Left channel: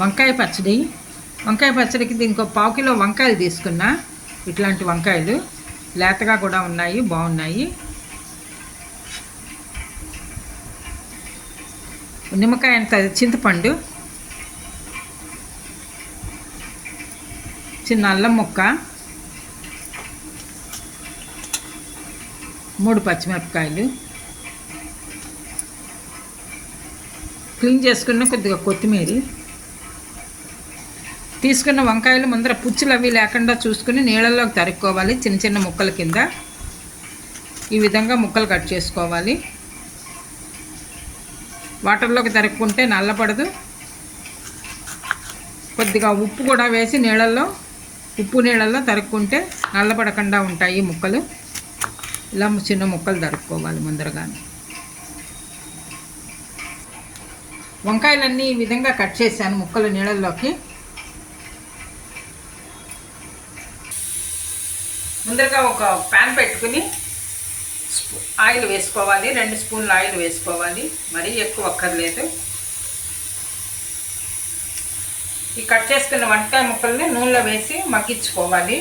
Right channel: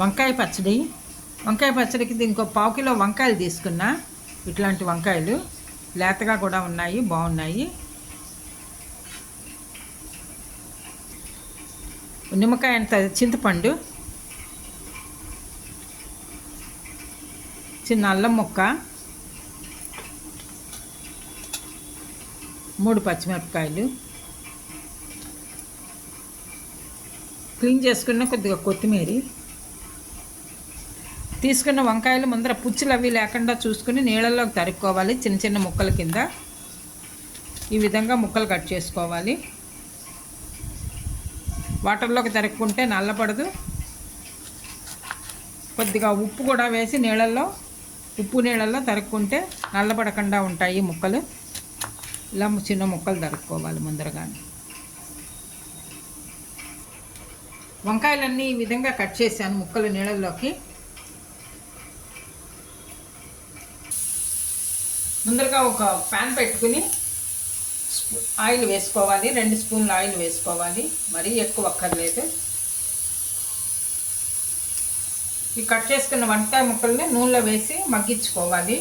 వంకాయ పచ్చడి. వంకాయ పచ్చడికి దీనికి ఒక 1/4 కిలో వంకాయలు తీసుకున్నా. ఇట్లాంటి వంకాయలు లేతగా కూడా ఉన్నాయి, బాగున్నాయి. నిమ్మకాయ అంత చింతపండు, చిన్న అల్లం ముక్క, 3 పచ్చిమిరపకాయలు, క్లీన్ చేసుకున్న కొద్దిగా కొత్తిమీర. తీసుకున్న వంకాయలు ముందర పుచ్చులు అవి లేకుండా చూసుకుని నీళ్ళల్లోకి తరుక్కోవాలి. చిన్న చిన్న ముక్కల కింద ఈ విధంగా ముక్కలు కట్ చేసుకోవాలి. వాటర్లోకి తరుక్కుంటే నల్లపడదు. కొద్దిగా ఉప్పు కూడా వేసి నీళ్ళల్లో తరుక్కుంటే నల్లపడకుండా ఉంటాయి ముక్కలు. ఇలా చిన్న ముక్కలు తరుక్కోవాలి ముందరగానే. వంకాయలన్నీ ఈ విధంగా కట్ చేశాను ముక్కలు నీళ్ళల్లోకి. ముందరగా ఒక ప్యాన్ పెట్టుకుని ఆయిల్ వేసుకోవాలి. 2 స్పూన్ల ఆయిల్ వేసుకోవాలి, మరీ ఎక్కువ అక్కర్లేదు. ఈ కట్ చేసుకున్న వంకాయ ముక్కల్ని నూనెలో వేసి మగ్గించుకోవాలి.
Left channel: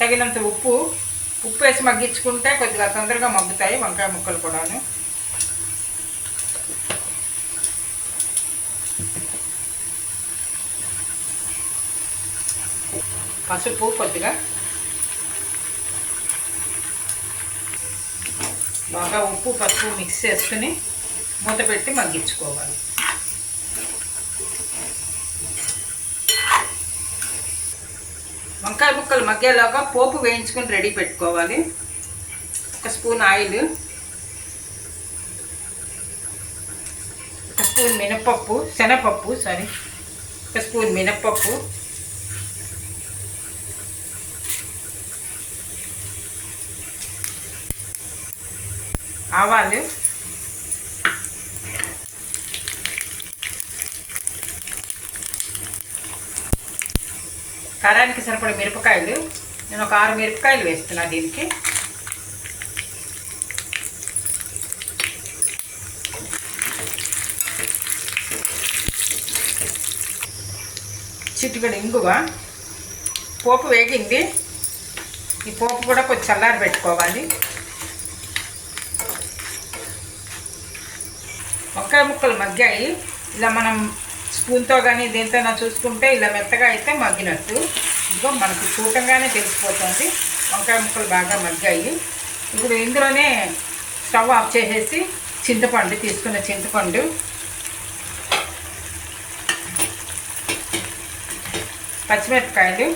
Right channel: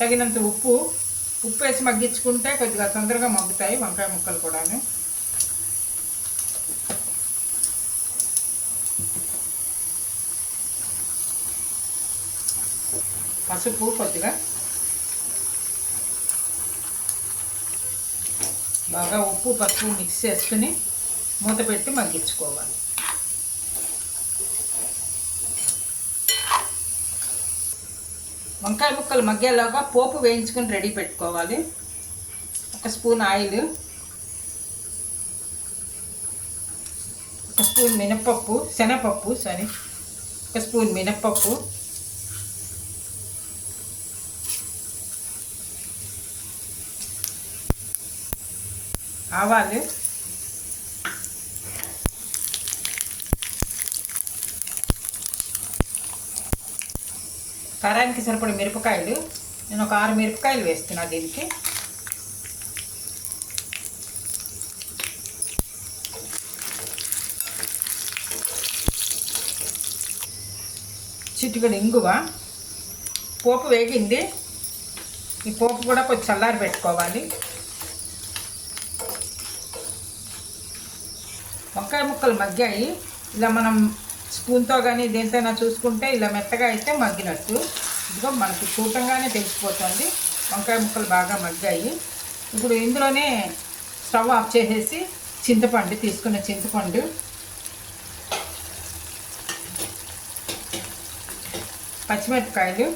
తగినంత ఉప్పు వేసి మగ్గించుకుంటే కొద్దిగా తొందరగా మగ్గుతాయి వంకాయ ముక్కలు కూడాను. పసుపు కొద్దిగా, బాగా ఉప్పు పసుపు మిక్స్ చేసుకుని మూత పెట్టి మగ్గించుకోవాలి. వంకాయ ముక్కలు మగ్గేలాగా పోపు వేయించుకుని రెడీ పెట్టుకోవాలి. 1 స్పూన్ ఆయిల్, 1 స్పూన్ శనగపప్పు, 1 స్పూన్ మినప్పప్పు, ఆవాలు, కారానికి సరిపడే మిరపకాయలు. నేను ఒక 6 మిరపకాయలు వేస్తున్నా దీనికి. చిటికెడు ఇంగువ. పోపు వేగింది. ఈ పోపు కూడా కొంచెం చల్లారి పెట్టుకోవాలి. వంకాయ ముక్కలు మగ్గాయి. ఇలా మనం స్పూన్తో కానీ దేంతోనా చూసుకుంటే ఇలా మెత్తగా అయితే మగ్గినట్టు. ఇదిగో మనకు చూడంగానే తెలిసిపోతుంది వంకాయ ముక్కలు బాగా మగ్గాయి. ఇప్పుడు ఇందులోనే స్టవ్ ఆఫ్ చేసేసి తీసుకున్న చింతపండు, పచ్చిమిరపకాయలు,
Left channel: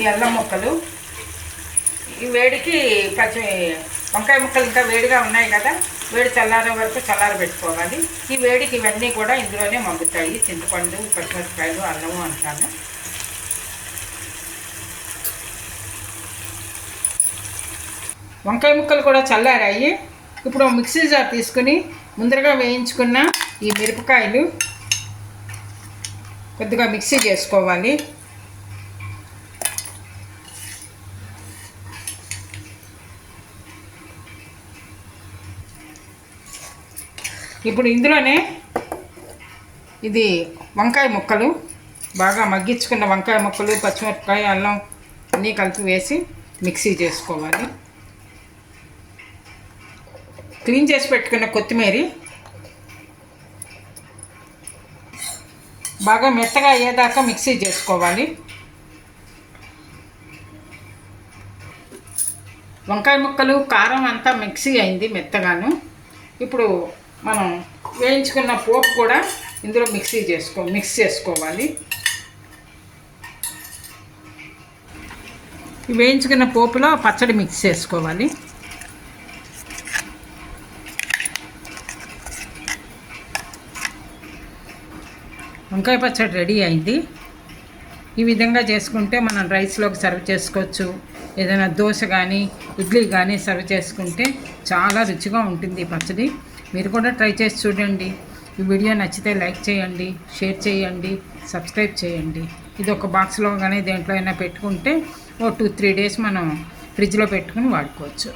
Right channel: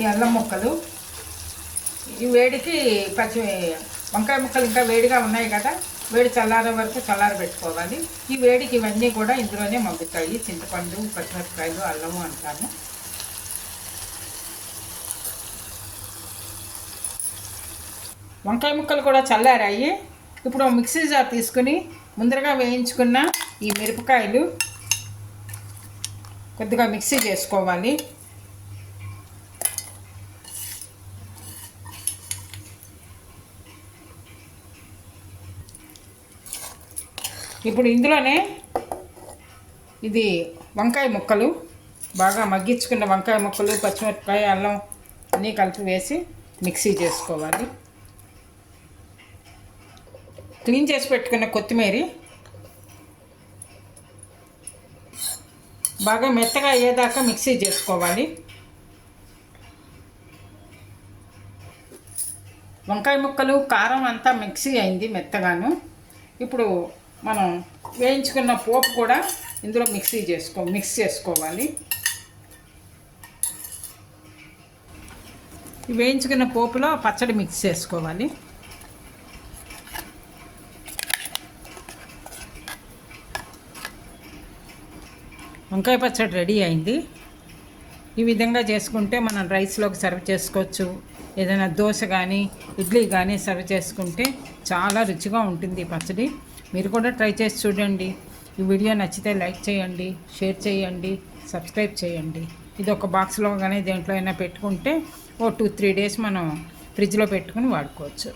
ఈ అల్లం ముక్కలు, ఈ వేడికి వంకాయ ముక్కలు ఇంకా వేడిగా ఉన్నాయి కదా, వేడి చల్లారే వరకు పెట్టుకోవాలి. ఈ వేడికి ఇవన్నీ కూడా ఇందులోనే మగ్గుతాయి. చింతపండు, పచ్చిమిరపకాయలు, అల్లము అంటాను. వంకాయ ముక్కలు కూడా చల్లారాయి. ఇప్పుడు మిక్సీ జార్ తీసుకుని ముందరగా వేయించుకున్న ఈ మిరపకాయలు కొద్దిగా మిక్సీ చేసుకోవాలి. ఇప్పుడు ఇందులోనే ఇది వంకాయ ముక్కలు, బాగా మగ్గించుకున్న వంకాయ ముక్కలు, పచ్చిమిరపకాయ, అల్లం అన్నీ కలిపి వేసి మిక్సీ చేసుకోవాలి. క్లీన్ చేసి పెట్టుకున్న కొత్తిమీర, బాగా మెత్తగా అయ్యేదాకా మిక్సీ చేసుకోవాలి. వంకాయ ముక్కలు, కారం అంతా మిక్సీ అయింది మెత్తగాను. ఇప్పుడు మనం వేయించుకున్న పోపు కూడా ఇందులో మిక్స్ చేసుకోవాలి. వేయించుకున్న పోపులో పచ్చడి మిక్స్ చేసుకోవాలి. వంకాయ పచ్చడి రెడీ అయింది. ఈ విధంగా చేసుకుంటే మనం రైస్లోకి సర్వ్ చేసుకోవచ్చు. ఏదైనా దోశ కానీ ఇడ్లీ కానీ సర్వ్ చేసుకుంటే చాలా రుచిగా ఉంటుంది ఈ పచ్చడి. మీరు కూడా ట్రై చేసి చూడండి. ఈ వీడియో నచ్చితే లైక్ చేయండి, షేర్ చేయండి, సబ్స్క్రైబ్ చేయండి. ఇది ఒక బాక్స్లో కానీ దేంట్లో అయినా పెట్టుకుంటే 2-3 డేస్ మనం ఫ్రిడ్జ్లో పెట్టుకుని వాడుకోవచ్చు.